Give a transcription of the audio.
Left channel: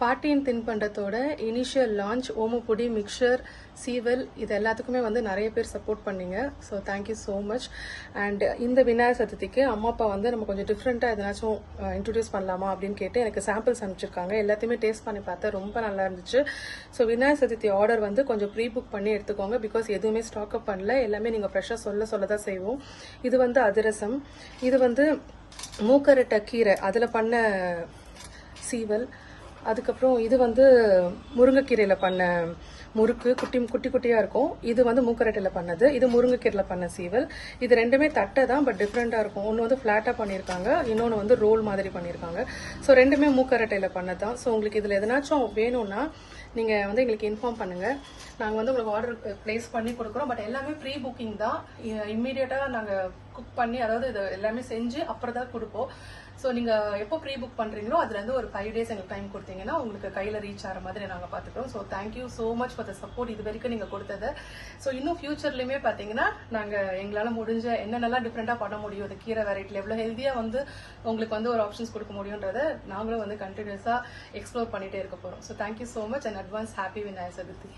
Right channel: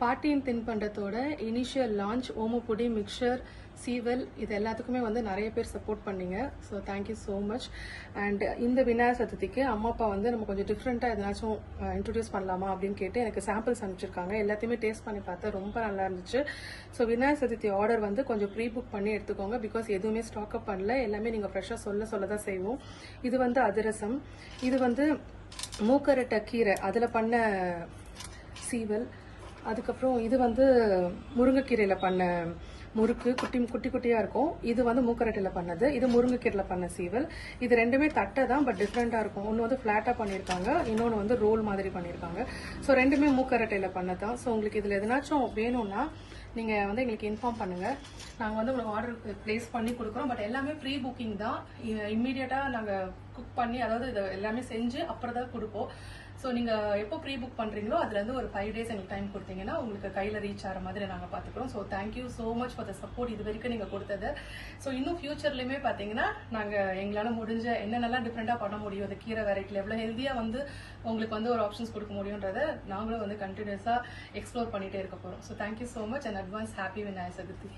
பாட்டியின் தின்பண்டத்தோட initial launch omapodi mixer சீவல் இது எல்லாத்துக்குமே வந்து நிறைய பேர் சப்போர்ட் பண்ணீங்க. So thank you so much. And இந்த விநாயகர் சதுர்த்திக்கு அம்மா அப்பா வந்து நம்ம கொஞ்சம் டிஃப்ரெண்ட்டாக எதனாச்சும் இன்ட்ரடியூஸ் பண்ணலாமா அப்படின்னு கேட்டு எனக்கு சாம்பிள்ஸ் அனுப்பிச்சிருக்காங்க. எல்லாத்தையுமே டேஸ்ட் பண்ணி பார்த்தா ரொம்ப நல்லா இருந்துச்சு. ஸோ விநாயகர் சதுர்த்தி ஆர்டர் வந்து கொஞ்சம் ப்ரீ புக் பண்ணி எடுத்துக்கோங்க. பிகாஸ் எதுவுமே ஸ்டாக் அப் பண்ணல, எல்லாமே நீங்கள் ஃப்ரெஷ்ஷாக சொல்ல தான் செய்வோம். இது வந்து அதிரசம், இது வந்து மூக்கரட்டை கீரை அதில் பண்ண சீவல், அதுக்கப்புறம் இது வந்து முருங்கைக்கீரையில் பண்ண முறுக்கு, குட்டி குட்டியாக இருக்கும். இது வந்து மூக்கரட்டையில் பண்ணது, இது முருங்கைக்கீரையில் பண்ண சீவல். இது ரெண்டுமே தட்டை தான், பட் டிஃப்ரெண்ட்டாக இருக்கும். ஒன்று வந்து ஃப்ளாட்டாக பண்ணியிருக்காங்க, இன்னொன்று வந்து ரோல் மாதிரி பண்ணியிருக்காங்க. ஸோ ரெண்டுமே மூக்கரட்டையில் பண்ணது தான். ஸோ உங்களுக்கு இதில் எதனாச்சும் வேணும்னா நீங்கள் வந்து எங்களுக்கு இன்ஃபார்ம் பண்ணுங்கள். நாங்கள் வந்து உங்களுக்கு ஆர்டர் ப்ளேஸ் பண்ணி கொடுக்குறோம். பட் எல்லாமே ப்ரீ புக்கிங் தான். இம்மீடியட்டாக நாங்கள் குக் பண்ணி, அதாவது இது எல்லாமே செஞ்சு அப்புறம் தான் கொடுப்போம். ஸோ நீங்கள் எப்போ ப்ரீ புக் பண்ணுறீங்களோ அதுலேருந்து ஒரு 5 days எங்களுக்கு டைம் கொடுத்தீங்கன்னா உங்களுக்கு கையில் ரீச் ஆகிற மாதிரி நாங்கள் பார்த்துக்கிறோம். So thank you so much for the support இது வரைக்கும் நீங்கள் கொடுத்தது. ஸோ இன்னும் ஃபியூச்சர்லையுமே பார்த்தீங்கன்னா நாங்கள் எங்களால் முடிஞ்ச என்னென்னலாம் டிஃப்ரெண்ட்டாக பண்ண முடியும், இந்த கீரை வெரைட்டியில் எவ்வளோ ஹெல்த்தியாக வந்து உங்களுக்கு வந்து ஒரு ஆப்ஷன்ஸ் கொடுக்க முடியுன்றதை நாங்களும் வந்து கண்டினியூஸாக எக்ஸ்ப்ளோர் பண்ணிகிட்டே இருக்க போகிறோம். So thank you so much and advance happy Vinayagar Chaturthi.